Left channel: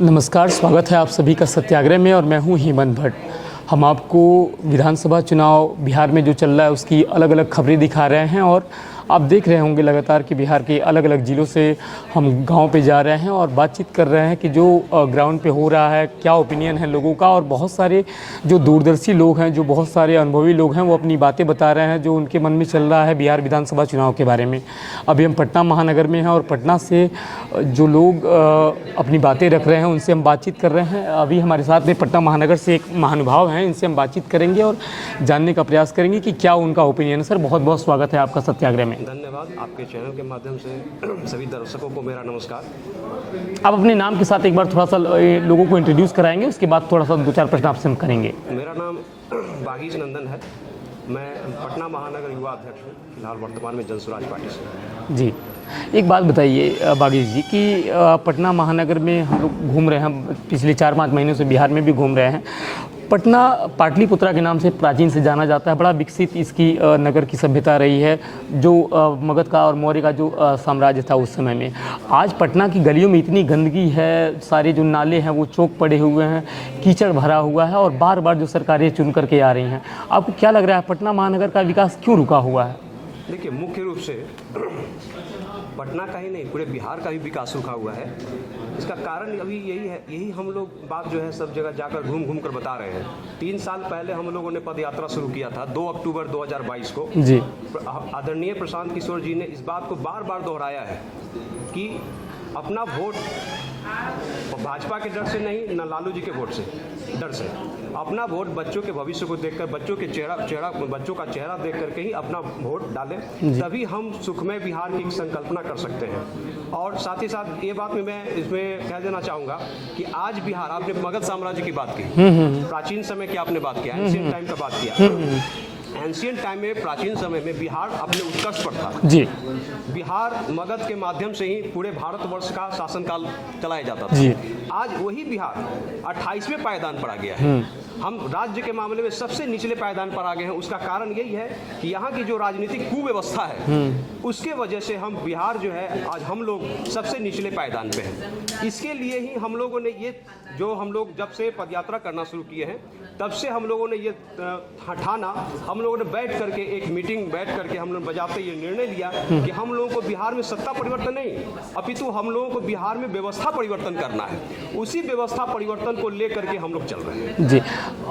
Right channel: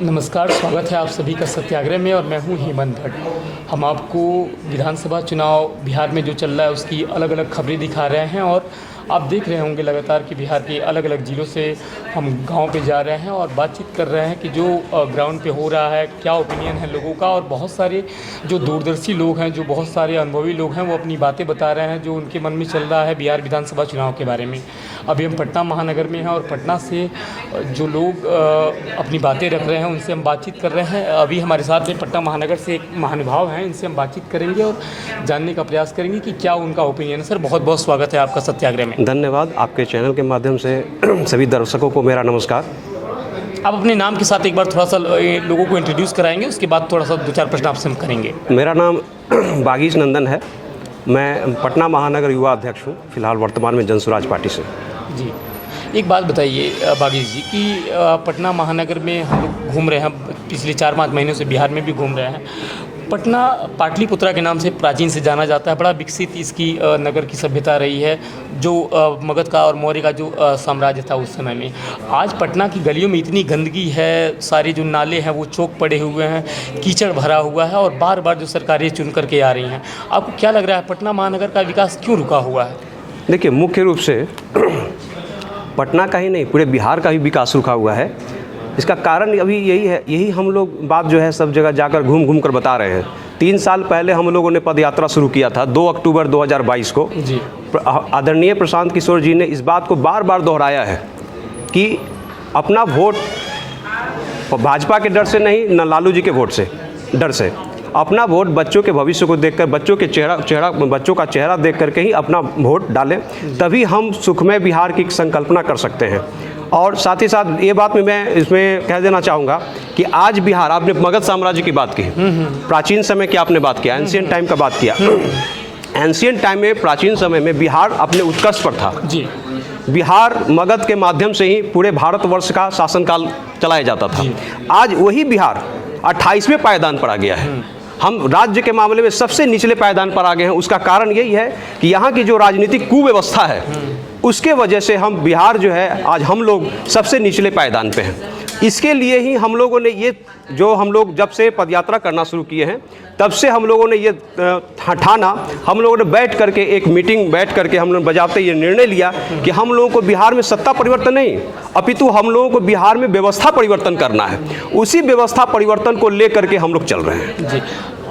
नमस्कार, स्वागत है आप सभी का सत्याग्रह में और मैं हूं हेमंत भट्ट। हम आपको विधानसभा चुनाव बिहार में जो चल रहा है उसकी अलग अलग खबरें दिखा रहे हैं और आप देख रहे होंगे लगातार कि बिहार के अलग अलग ज़िलों से हम गांव पे जा रहे हैं और बातचीत कर रहे हैं कि जो ग्राउंड पे हो रहा है, क्या ओपिनियन है लोगों का। और बहुत सारे जो दूरदर्शी लोग हैं, जो बहुत सारे अनुभवी लोग हैं, वो अपनी बातें बता रहे हैं जो उनके मन में चल रहा है बिहार विधानसभा चुनाव के बारे में। अभी हम पटना महानगर में हैं और पटना से जो लोग अपनी बातें रख रहे हैं उनसे हम बातचीत कर रहे हैं। अभी हमारे साथ में पटना महानगर से एक महानुभाव हैं, इनसे हम बातचीत करेंगे और जानने का प्रयास करेंगे कि क्या उनका ओपिनियन है। सर, बहुत बहुत स्वागत है आपका सत्याग्रह में। धन्यवाद। आपके चैनल के माध्यम से सभी दर्शकों को मेरा नमस्कार। आप अपने नाम के साथ एक बार थोड़ा सा लोगों को इंट्रोड्यूस कराएंगे, उसके बाद थोड़ा सा दो चार प्रश्न आपसे हम करेंगे। मेरा नाम बागीश नंदन है। मैं पटना महानगर युवा अध्यक्ष हूँ, फिलहाल वर्तमान में जनसुराज पार्टी से। जी, एक बात बताइए बागीश जी कि पटना महानगर में हम घूम रहे हैं, पिछले 4-5 महीनों से बिहार में भी घूम रहे हैं। पटना पाटलिपुत्रा के नाम से प्राचीन से जाना जाता है, बड़ा विकसित इसकी नगर की सभ्यता रही है, जो मगध का और मौर्य का जो साम्राज्य था उस समय में। आज पटना की गलियों में इतनी गंदगी है, सारे जो नाले हैं वो चौक पड़े हुए हैं, कीचड़ भरा हुआ है और बार बार जो सरकारें चुन करके आ रही हैं। आपको क्या लग रहा है पटना महानगर का विकास क्यों रुका हुआ है? देखिए, मुख्य रूप से पटना का ही नहीं, पूरे बिहार का ही विकास रुका हुआ है। इसका कारण अभी यही है, यही हम लोग बात जो है सब जगह जाकर घूम घूम कर बता रहे हैं। 3 साल पहले हम लोगों ने पद यात्रा शुरू किया था 2 अक्टूबर 2022 को। जी, आदरणीय प्रशांत किशोर जी ने इस बात को बार बार दोहराया है कि अपना वोट भाजपा के डर से नहीं, न लालू जी के वोट से डर से, अपना वोट बच्चों के भविष्य को देखकर, बच्चों का चेहरा देख करके ही अपना वोट डालें, तभी हम सुखमय बिहार की संकल्पना कर सकते हैं। और साथ ही साथ ये बात मैं इसमें कह देना चाहूँगा कि आज बिहार, आपने मगध साम्राज्य की बात की, प्राचीन समय की आपने बात किया, एंशिएंट टाइम का बात किया। एंशिएंट टाइम में, प्राचीन समय में बिहार अपने उत्कर्ष पर था। जी, बिहार मगध के माध्यम से ही पूरे भारतवर्ष का शासनकाल चलाया जाता था। आज वही बिहार 28वें पायदान पर आ गया है। हम राज्य के मामले में सबसे निचले पायदान पर आ गए हैं। उसका कारण यही है कि यहाँ की जो राजनीतिक कुव्यवस्था है उसके वजह से हम बिहार जो है, आज हम लोग सबसे निचले पायदान पे हैं। इसके लिए ही हम लोगों ने ये, जो हम लोग जब से पदयात्रा करना शुरू किए हैं तब से हम लोगों ने ये ठाना, हम लोगों ने बैठ करके एक मीटिंग बैठ करके हम लोग बजाते ये निर्णय लिया कि हम लोगों को बिहार में सत्ता परिवर्तन नहीं, अपितु हम लोगों को बिहार में व्यवस्था परिवर्तन करना है। उसी व्यवस्था परिवर्तन को लेकर के हम लोग चल रहे हैं। जी,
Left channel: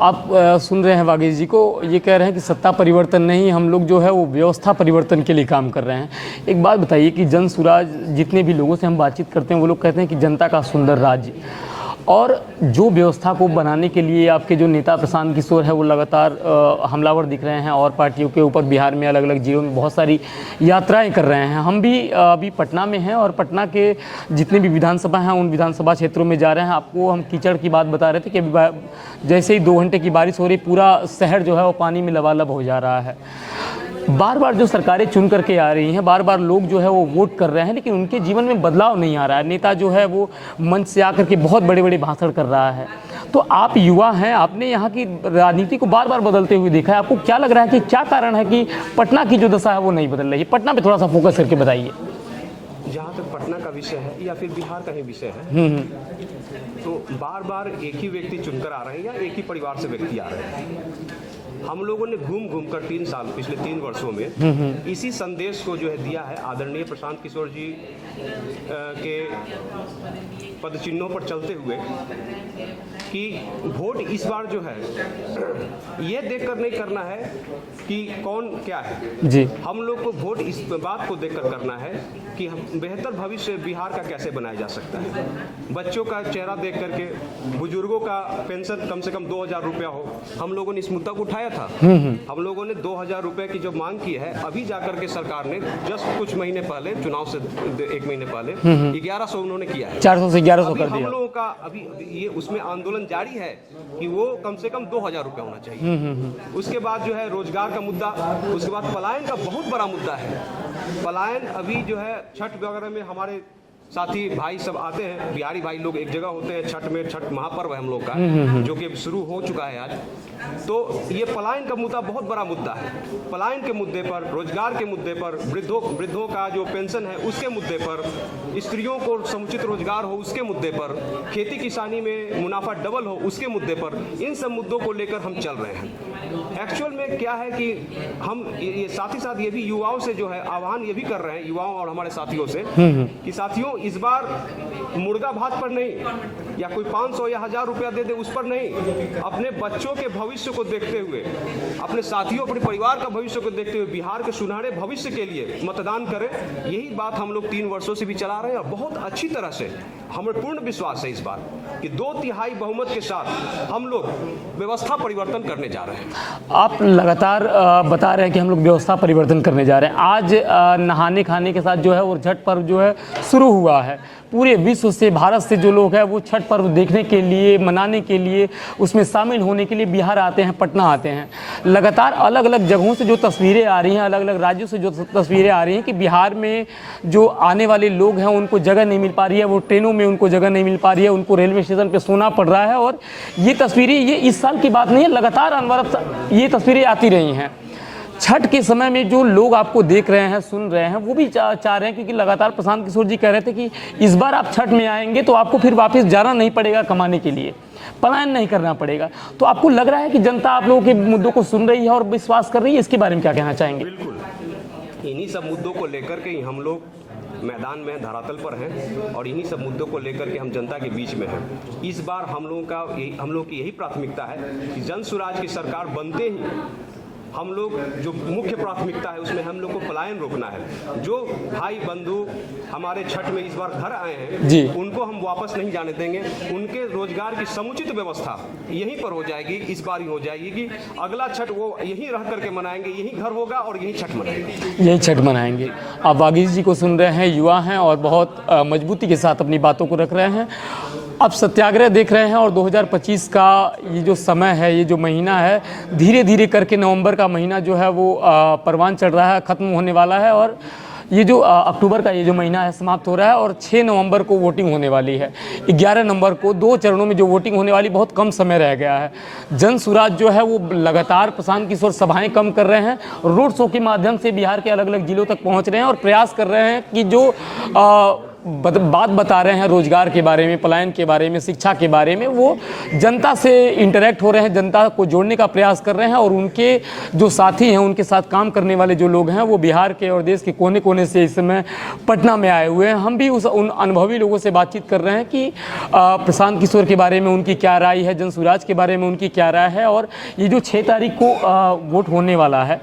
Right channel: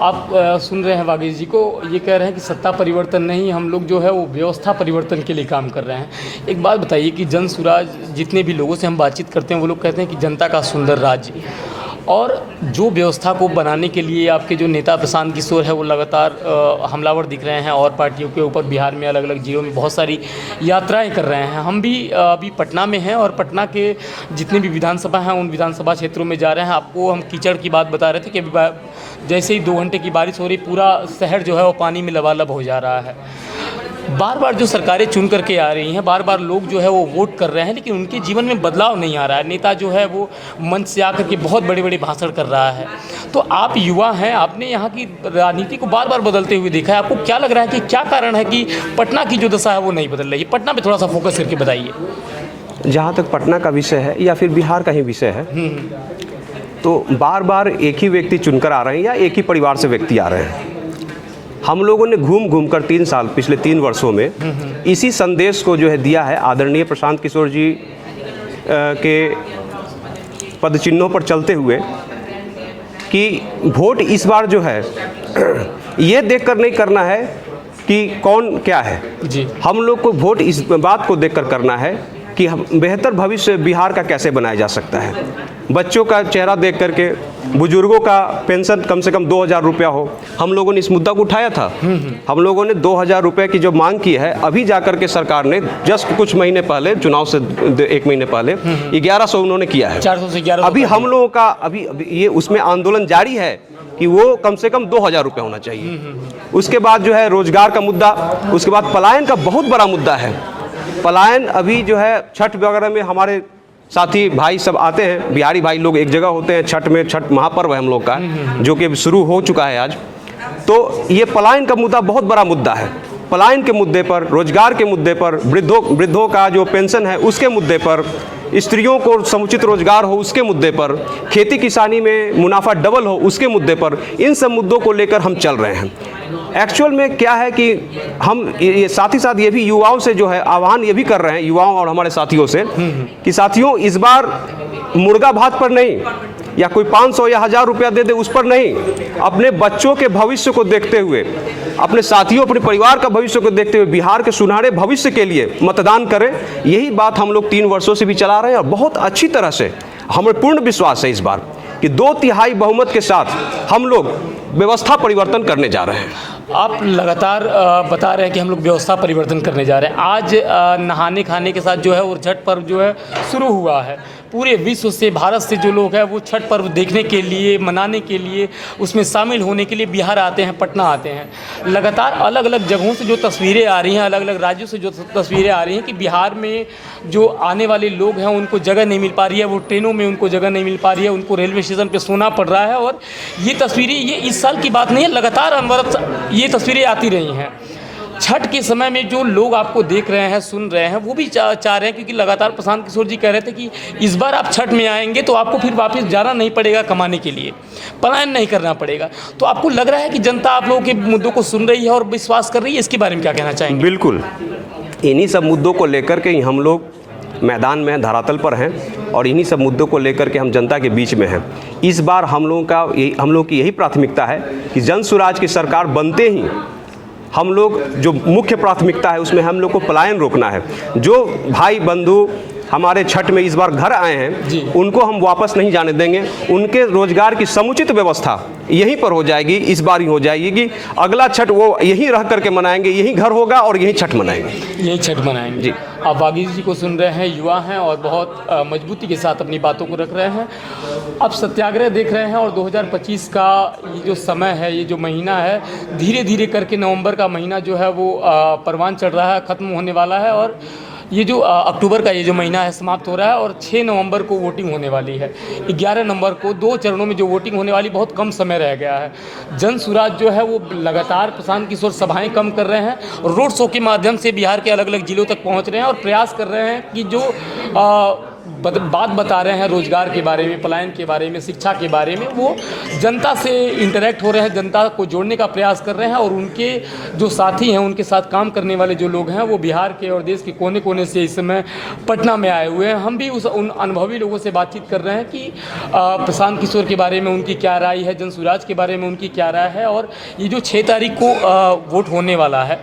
आप सुन रहे हैं बागीश जी को, ये कह रहे हैं कि सत्ता परिवर्तन नहीं, हम लोग जो है वो व्यवस्था परिवर्तन के लिए काम कर रहे हैं। एक बात बताइए कि जनसुराज, जितने भी लोगों से हम बातचीत करते हैं वो लोग कहते हैं कि जनता का सुंदर राज्य, और जो व्यवस्था को बनाने के लिए आपके जो नेता प्रशांत किशोर है वो लगातार हमलावर दिख रहे हैं और पार्टियों के ऊपर बिहार में अलग अलग जिलों में बहुत सारी यात्राएं कर रहे हैं। हम भी अभी पटना में हैं और पटना के जितने भी विधानसभा हैं उन विधानसभा क्षेत्रों में जा रहे हैं। आपको हम कीचड़ की बात बता रहे थे कि जैसे ही 2 घंटे की बारिश हो रही, पूरा शहर जो है वो पानी में लबालब हो जा रहा है। बार बार जो सरकारें चुन करके आ रही हैं, बार बार लोग जो है वो वोट कर रहे हैं, लेकिन उनके जीवन में बदलाव नहीं आ रहा है। नेता जो है वो मंच से आकर के बहुत बड़े बड़े भाषण कर रहा है। तो आप युवा हैं, आपने यहाँ की राजनीति को बार बार बदलते हुए देखा है। आपको क्या लग रहा है कि क्या कारण है कि पटना की जो दशा है वो नहीं बदल रही है? पटना पे थोड़ा सा फोकस करके बताइए। जहाँ तक पटना का विषय है या फिर बिहार का ही विषय है, तो बार बार एक ही व्यक्ति चुनकर आ रहे हैं या एक ही परिवार से व्यक्ति आ रहे हैं। हम लोगों ने घूम घूम कर 3 साल, पिछले 3 वर्षों में इसी संदेश को जो है दिया है आदरणीय प्रशांत किशोर जी के पद चिन्हों पर चलते हुए कि वोट इस बार जो है ये देखकर नहीं करना है कि कौन क्या है जी, हम लोग को वोट इस बात को देखकर करना है कि हम बेहतर भविष्य बिहार का कैसे बनाया जा सकता है। बच्चों का चेहरा देख करके, बुजुर्गों का पेंशन कम से कम 2000 रुपया हो। हम लोगों ने इस मुद्दा को उठाया था। हम लोगों ने 2000 रुपये की जो मांग की है, अभी जाकर के सरकार ने जस्ट कुछ महीने पहले, चुनाव से 1 महीने पहले 1100 उन्होंने किया है। 400 से 1100 अभी हम लोगों का अभी ये उसमें आंदोलन जारी है कि वो कम से कम 2000 रुपये होना चाहिए। उसके बाद जो है रोजगार का मुद्दा, उसके बाद पलायन का बहुत बड़ा मुद्दा है। पलायन अभी जो है छठ वगैरह में हमारे साथी भाई सब आते हैं, बिहारी भाई लोग एक जगह होते हैं छठ में, छठ महापर्व है हम लोग का, जो कि शुरू हो चुका है आज। तो ये पलायन का मुद्दा बहुत बड़ा मुद्दा है। पलायन के मुद्दे पर, रोजगार के मुद्दे पर, वृद्धों का जो पेंशन है उसके मुद्दे पर, स्त्रियों को समुचित रोजगार हो उसके मुद्दे पर, खेती किसानी में मुनाफा डबल हो उसके मुद्दे पर, इन सब मुद्दों को लेकर हम चल रहे हैं। एक्चुअल में क्या है कि हम ये साथ ही साथ ये भी युवाओं से जो है आह्वान ये भी कर रहे हैं, युवाओं और हमारे साथियों से, कि साथियों इस बार मुर्गा भात पर नहीं, या कोई 500 या 1000 रुपया दे दे उस पर नहीं, अपने बच्चों के भविष्य को देखते हुए, अपने साथियों, अपने परिवार का भविष्य को देखते हुए बिहार के सुनहरे भविष्य के लिए मतदान करें। यही बात हम लोग 3 वर्षों से भी चला रहे हैं और बहुत अच्छी तरह से हमें पूर्ण विश्वास है इस बार कि 2/3 बहुमत के साथ हम लोग व्यवस्था परिवर्तन करने जा रहे हैं। आप लगातार बता रहे हैं कि हम लोग व्यवस्था परिवर्तन करने जा रहे हैं। आज नहाने खाने के साथ जो है और छठ पर्व जो है शुरू हुआ है। पूरे विश्व से, भारत से जो लोग हैं वो छठ पर्व देखने के लिए, मनाने के लिए, उसमें शामिल होने के लिए बिहार आते हैं, पटना आते हैं। लगातार अलग अलग जगहों से जो तस्वीरें आ रही हैं, अलग अलग राज्यों से जो तस्वीरें आ रही हैं कि बिहार में जो आने वाले लोग हैं उनको जगह नहीं मिल पा रही है, वो ट्रेनों में उनको जगह नहीं मिल पा रही है, उनको रेलवे स्टेशन पर सोना पड़ रहा है। और ये तस्वीरें, ये इस साल की बात नहीं है, लगातार अनवरत ये तस्वीरें आती रही हैं। छठ के समय में जो लोग आपको देख रहे हैं, सुन रहे हैं, वो भी चाह रहे हैं, क्योंकि लगातार प्रशांत किशोर जी कह रहे थे कि इस बार आप छठ में आएंगे तो आपको फिर वापस जाना नहीं पड़ेगा कमाने के लिए, पलायन नहीं करना पड़ेगा। तो आपको लग रहा है कि जनता आप लोगों के मुद्दों को सुन रही है और विश्वास कर रही है, इसके बारे में क्या कहना चाहेंगे? बिल्कुल, इन्हीं सब मुद्दों को लेकर के ही हम लोग मैदान में धरातल पर हैं और इन्हीं सब मुद्दों को लेकर के हम जनता के बीच में हैं। इस बार हम लोगों की यही प्राथमिकता है कि जन सुराज की सरकार बनते ही हम लोग, जो मुख्य प्राथमिकता है उसमें हम लोग को पलायन रोकना है। जो भाई बंधु हमारे छठ में इस बार घर आए हैं उनको हम वापस नहीं जाने देंगे। उनके रोजगार की समुचित व्यवस्था यहीं पर हो जाएगी, इस बार ही हो जाएगी कि अगला छठ वो यहीं रह करके मनाएंगे, यहीं घर होगा और यहीं छठ मनाएंगे, यही छठ मनाएंगे जी। आप वागीश जी को सुन रहे हैं, युवा हैं और बहुत मजबूती के साथ अपनी बातों को रख रहे हैं। अब सत्याग्रह देख रहे हैं और 2025 का ये जो समय है, ये जो महीना है, धीरे धीरे करके नवंबर का महीना जो है वो परवान चढ़ रहा है, ख़त्म होने वाला है। और ये जो अक्टूबर का ये जो महीना है समाप्त हो रहा है और 6 नवंबर को वोटिंग होने वाली है। 11 नवंबर को 2 चरणों में जो वोटिंग होने वाली, बहुत कम समय रह गया है। जन सुराज जो है वो लगातार प्रशांत किशोर सभाएं कम कर रहे हैं, रोड शो के माध्यम से बिहार के अलग अलग जिलों तक पहुंच रहे हैं और प्रयास कर रहे हैं कि जो बात बता रहे हैं रोजगार के बारे में, पलायन के बारे में, शिक्षा के बारे में, वो जनता से इंटरेक्ट हो रहे हैं, जनता को जोड़ने का प्रयास कर रहे हैं। और उनके जो साथी हैं, उनके साथ काम करने वाले जो लोग हैं, वो बिहार के और देश के कोने कोने से इस समय पटना में आए हुए हैं। हम भी उन अनुभवी लोगों से बातचीत कर रहे हैं कि प्रशांत किशोर के बारे में उनकी क्या राय है, जन सुराज के बारे में उनकी क्या राय है। और ये जो 6 तारीख को वोट होने वाला है,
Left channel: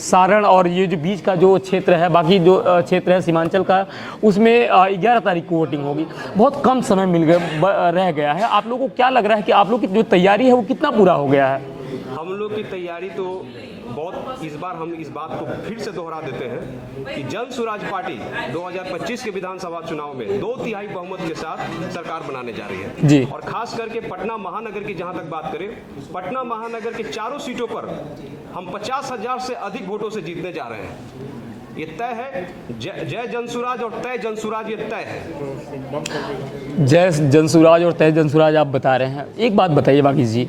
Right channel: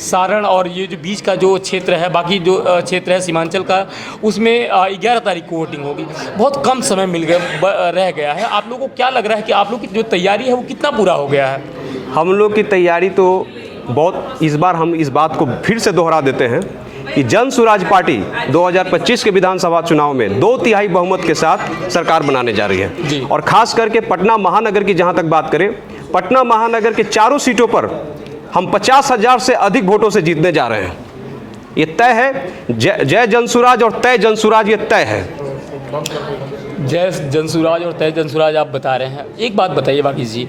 सारण और ये जो बीच का जो क्षेत्र है, बाकी जो क्षेत्र है सीमांचल का, उसमें 11 तारीख को वोटिंग होगी। बहुत कम समय रह गया है। आप लोगों को क्या लग रहा है कि आप लोग की जो तैयारी है वो कितना पूरा हो गया है? हम लोग की तैयारी तो बहुत, इस बार हम इस बात को फिर से दोहरा देते हैं कि जन सुराज पार्टी 2025 के विधानसभा चुनाव में 2/3 बहुमत के साथ सरकार बनाने जा रही है। और खास करके पटना महानगर की जहां तक बात करें, पटना महानगर के 4 सीटों पर हम 50,000 से अधिक वोटों से जीतने जा रहे हैं। ये तय है, जय जनसुराज और तय जनसुराज, ये तय है। जय जनसुराज और तय जनसुराज आप बता रहे हैं। एक बात बताइए वागीश जी,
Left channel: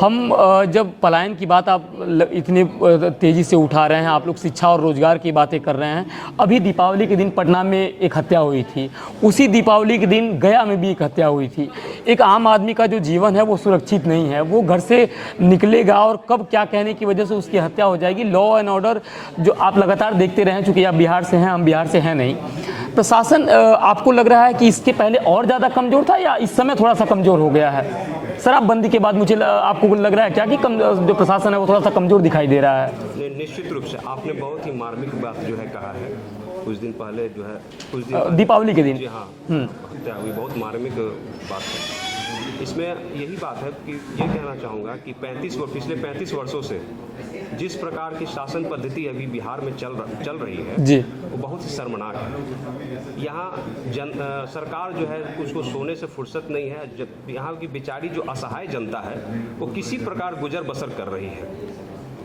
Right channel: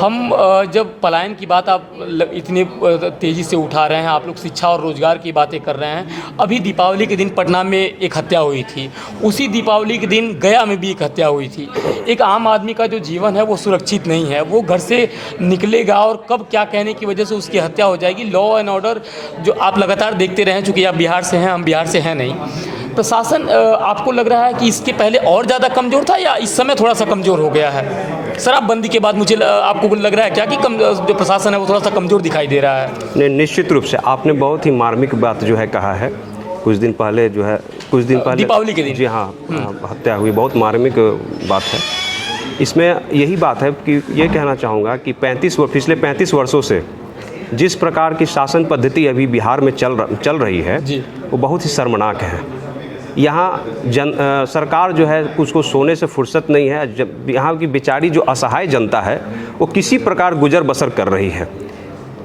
हम जब पलायन की बात आप इतनी तेज़ी से उठा रहे हैं, आप लोग शिक्षा और रोजगार की बातें कर रहे हैं। अभी दीपावली के दिन पटना में एक हत्या हुई थी, उसी दीपावली के दिन गया में भी एक हत्या हुई थी। एक आम आदमी का जो जीवन है वो सुरक्षित नहीं है, वो घर से निकलेगा और कब क्या कहने की वजह से उसकी हत्या हो जाएगी। लॉ एंड ऑर्डर जो आप लगातार देखते रहे, चूँकि आप बिहार से हैं, हम बिहार से हैं नहीं, प्रशासन आपको लग रहा है कि इसके पहले और ज़्यादा कमज़ोर था या इस समय थोड़ा सा कमज़ोर हो गया है? शराबबंदी के बाद मुझे आपको लग रहा है क्या कि जो प्रशासन है वो थोड़ा सा कमज़ोर दिखाई दे रहा है? नहीं, निश्चित रूप से आपने बहुत ही मार्मिक बात जो है कहा है। कुछ दिन पहले दीपावली के दिन, जी हाँ, हत्या हुई, बहुत मार्मिक बात है। इसमें यही बात है कि ये कहना चाहूँगा कि पिछले 35 वर्षों से जिस प्रकार की शासन पद्धति अभी बिहार में चल रही है वो बहुत ही शर्मनाक है। यहाँ सरकार जो है उसको सोने से फुर्सत नहीं है। जब यहाँ की बेचारी जो असहाय जनता है वो किसी प्रकार गुजर बसर कर रही है।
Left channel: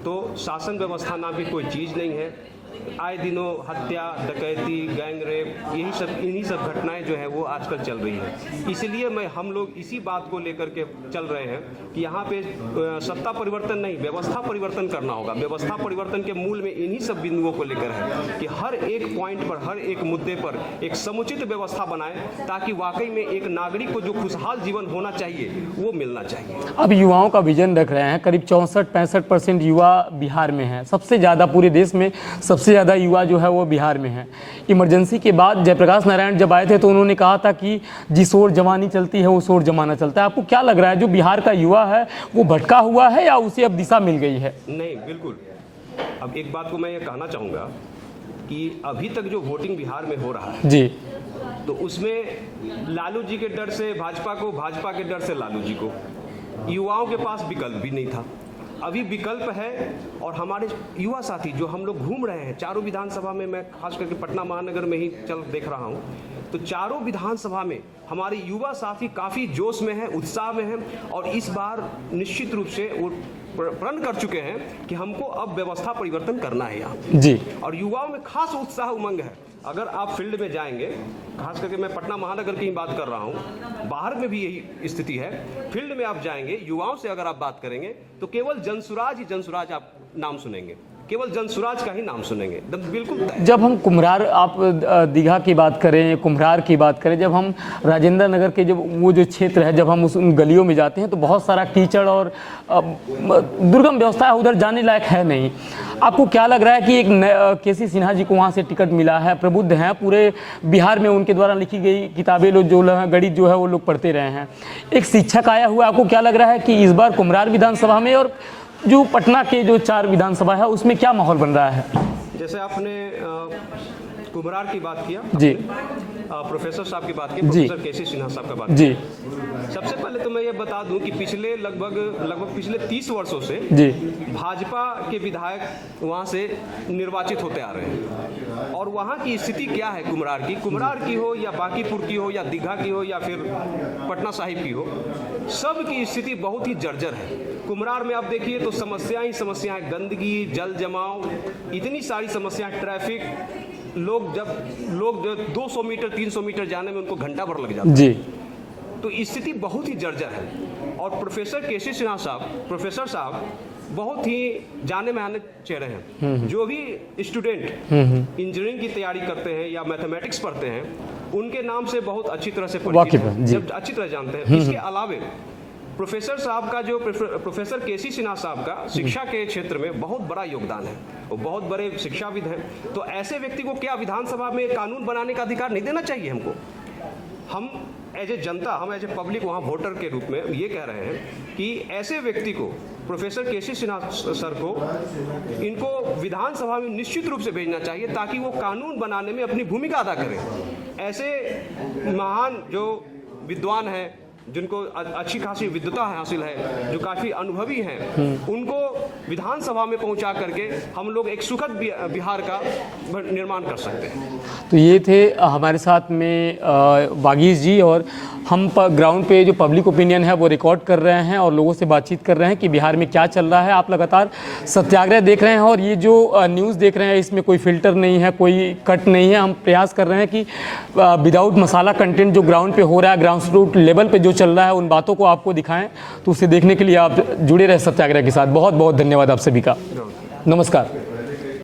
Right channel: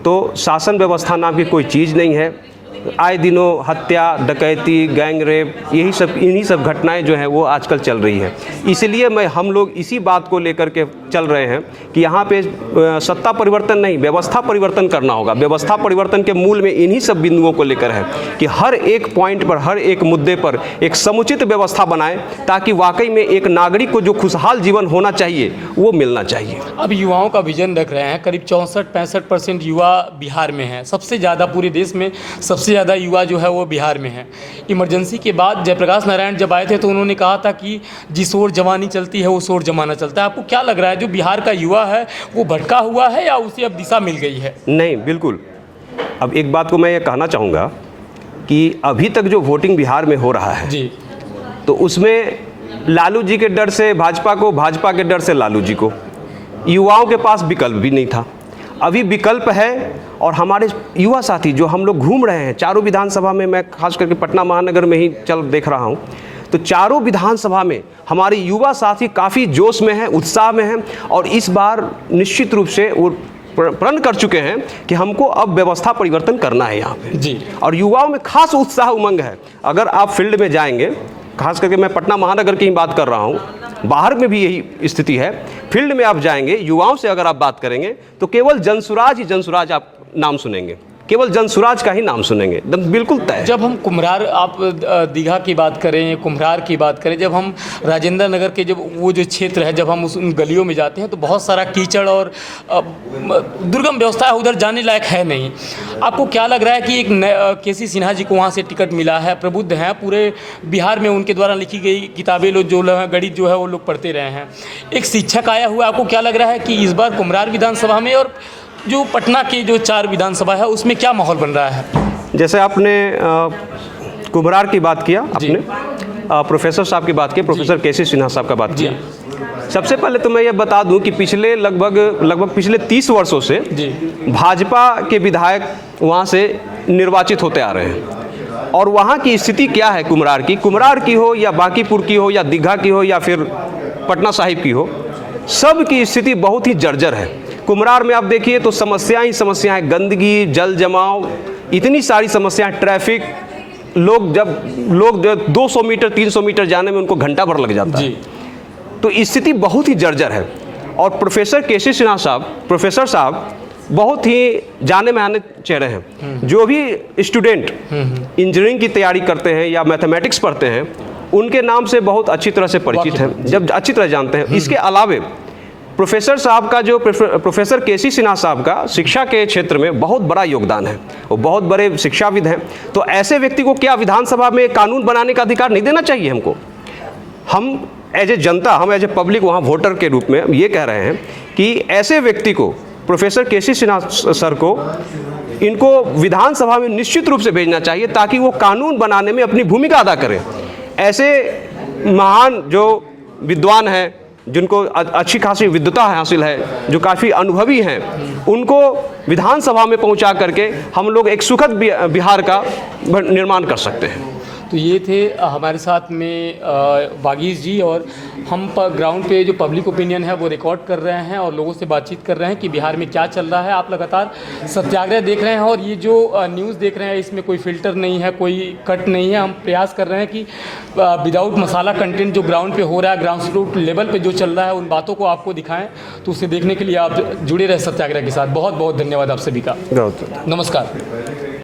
तो शासन व्यवस्था नाम की कोई चीज़ नहीं है। आए दिनों हत्या, डकैती, गैंग रेप, इन्हीं सब घटनाएं जो हैं वो आजकल चल रही है। इसलिए हम लोग इसी बात को लेकर के चल रहे हैं कि यहाँ पे सत्ता परिवर्तन नहीं, व्यवस्था परिवर्तन करना होगा। व्यवस्था परिवर्तन के मूल में इन्हीं सब बिंदुओं को लेकर है कि हर एक पॉइंट पर, हर एक मुद्दे पर एक समुचित व्यवस्था बनाएं, ताकि वाकई में एक नागरिक को जो खुशहाल जीवन होना चाहिए वो मिलना चाहिए। अब युवाओं का विजन रख रहे हैं, करीब 64-65% युवा बिहार में हैं। सबसे ज़्यादा पूरे देश में सबसे ज़्यादा युवा जो है वो बिहार में है। इमरजेंसी के बाद जयप्रकाश नारायण जब आए थे तो उन्होंने कहा था कि जिस ओर जवानी चलती है उस ओर जमाना चलता है। आपको क्या लग रहा है, जो बिहार का युवा है वो भटका हुआ है या उसे अब दिशा मिल गई है? नहीं, बिल्कुल। अब एक बात को मैं ये कहना चाहूँगा कि अभी तक जो वोटिंग बिहार में हो रहा है जी, तो उसमें लालू जी के डर से भाजपा को, भाजपा के डर से लालू जी को, युवाओं के पास विकल्प भी नहीं था। अभी विकल्प है और हमारे युवा साथी जो हम लोग घूम रहे हैं चारों विधानसभा में, मैं खास करके पटना महानगर में ही देख रहा हूँ, तो चारों विधानसभा में हमारे युवा साथी काफ़ी जोश में हैं, उत्साह में हैं और इस बार निश्चित रूप से वो प्रण कर चुके हैं कि हमको अब व्यवस्था परिवर्तन करना है यहाँ पे जी। और युवाओं में खास उत्साह उमंग है। अगर आप फील्ड में जाएंगे, खास करके मैं पटना महानगर की ही बात कर रहा हूँ, बाहर में भी यही स्थिति है। फील्ड में आप जाएंगे, युवाओं से अगर आप बात करेंगे तो केवल जनसुराज ही जनसुराज आप नाम सुनेंगे, केवल जनसुराज का ही नाम सुनेंगे, बिल्कुल तय। जब हम कुम्हरार, आप दीघा की बात करें, कुम्हरार की बात करें, जब हम राजेंद्र नगर के जब वो जो क्षेत्र है, जब हम उन गलियों में जाते हैं तो बहुत सारा कीचड़ और दुर्गम व्यवस्था है, उधर जाने लायक है नहीं। आपको क्या लग रहा है कि एक केसी सिन्हा जी को वहाँ से टिकट मिला है, प्रबुद्ध हैं, पूरे बिहार में उनके द्वारा लिखी गई किताबें लोग जो गणित जो है वो लोग पढ़ते रहे हैं, एक शिक्षक आया हुआ, आपको क्या लग रहा है कि इस बार कुम्हरार विधानसभा में और जो पटना के जो 4 विधानसभा है उसमें क्या माहौल बन रहा है? जैसे आपने कुम्हरार की बात किया, आपने प्रोफेसर साहब की बात की, प्रोफेसर केसी सिन्हा साहब का बात किया। सबसे पहले तो मैं ये बता दूं कि पिछले लगभग पिछले 30 वर्षों से भाजपा के विधायक वहाँ से निर्वाचित होते आ रहे हैं और वहाँ की स्थिति क्या है, कुम्हरार की हो या बांकीपुर की हो या दीघा की हो या फिर पटना साहिब की हो, सब की स्थिति बहुत ही जर्जर है। कुम्हरार में आप देखिए तो समस्याएं ही समस्याएं, गंदगी, जल जमाव, इतनी सारी समस्याएं, ट्रैफिक, लोग 200 मीटर 300 मीटर जाने में उनको घंटा भर लग जाता है। तो स्थिति बहुत ही जर्जर है। और प्रोफेसर केसी सिन्हा साहब, प्रोफेसर साहब बहुत ही जाने माने चेहरे हैं। जो भी स्टूडेंट इंजीनियरिंग की तैयारी करते हैं या मैथमेटिक्स पढ़ते हैं, उनके नाम से बहुत अच्छी तरह से परिचित हैं, जब अच्छी तरह जानते हैं। इसके अलावे प्रोफेसर साहब का जो प्रोफेसर केसी सिन्हा साहब का शिक्षा के क्षेत्र में बहुत बड़ा योगदान है, वो बहुत बड़े शिक्षाविद हैं। तो ऐसे व्यक्ति को क्या विधानसभा में कानून बनाने का अधिकार नहीं देना चाहिए हमको? हम एज ए जनता, हम एज ए पब्लिक वहाँ वोटर के रूप में ये कह रहे हैं कि ऐसे व्यक्ति को, प्रोफेसर केसी सिन्हा सर को, इनको विधानसभा में निश्चित रूप से भेजना चाहिए ताकि वो कानून बनाने में अपनी भूमिका अदा करें। ऐसे महान जो विद्वान हैं, जिनको अच्छी खासी विद्वता हासिल है, जो काफ़ी अनुभवी हैं, उनको विधानसभा में पहुंचा करके हम लोग एक सुखद बिहार का निर्माण कर सकते हैं। तो ये थे हमारे साथ में वागीश जी, और हम ग्राउंड पे जो पब्लिक ओपिनियन है वो रिकॉर्ड कर रहे हैं और लोगों से बातचीत कर रहे हैं कि बिहार में क्या चल रहा है। आप लगातार सत्याग्रह देख रहे हैं और ये जो न्यूज़ देख रहे हैं इसमें कोई फिल्टर नहीं है, कोई कट नहीं है। हम प्रयास कर रहे हैं कि विदाउट मसाला कंटेंट जो ग्राउंड पे हो रहा है, ग्राउंड रूट लेवल पे जो चल रहा है, उन बातों को आपको दिखाएं। तो उसे देखने के लिए आप जुड़े रहे सत्याग्रह के साथ। बहुत बहुत धन्यवाद आप सभी का। नमस्कार।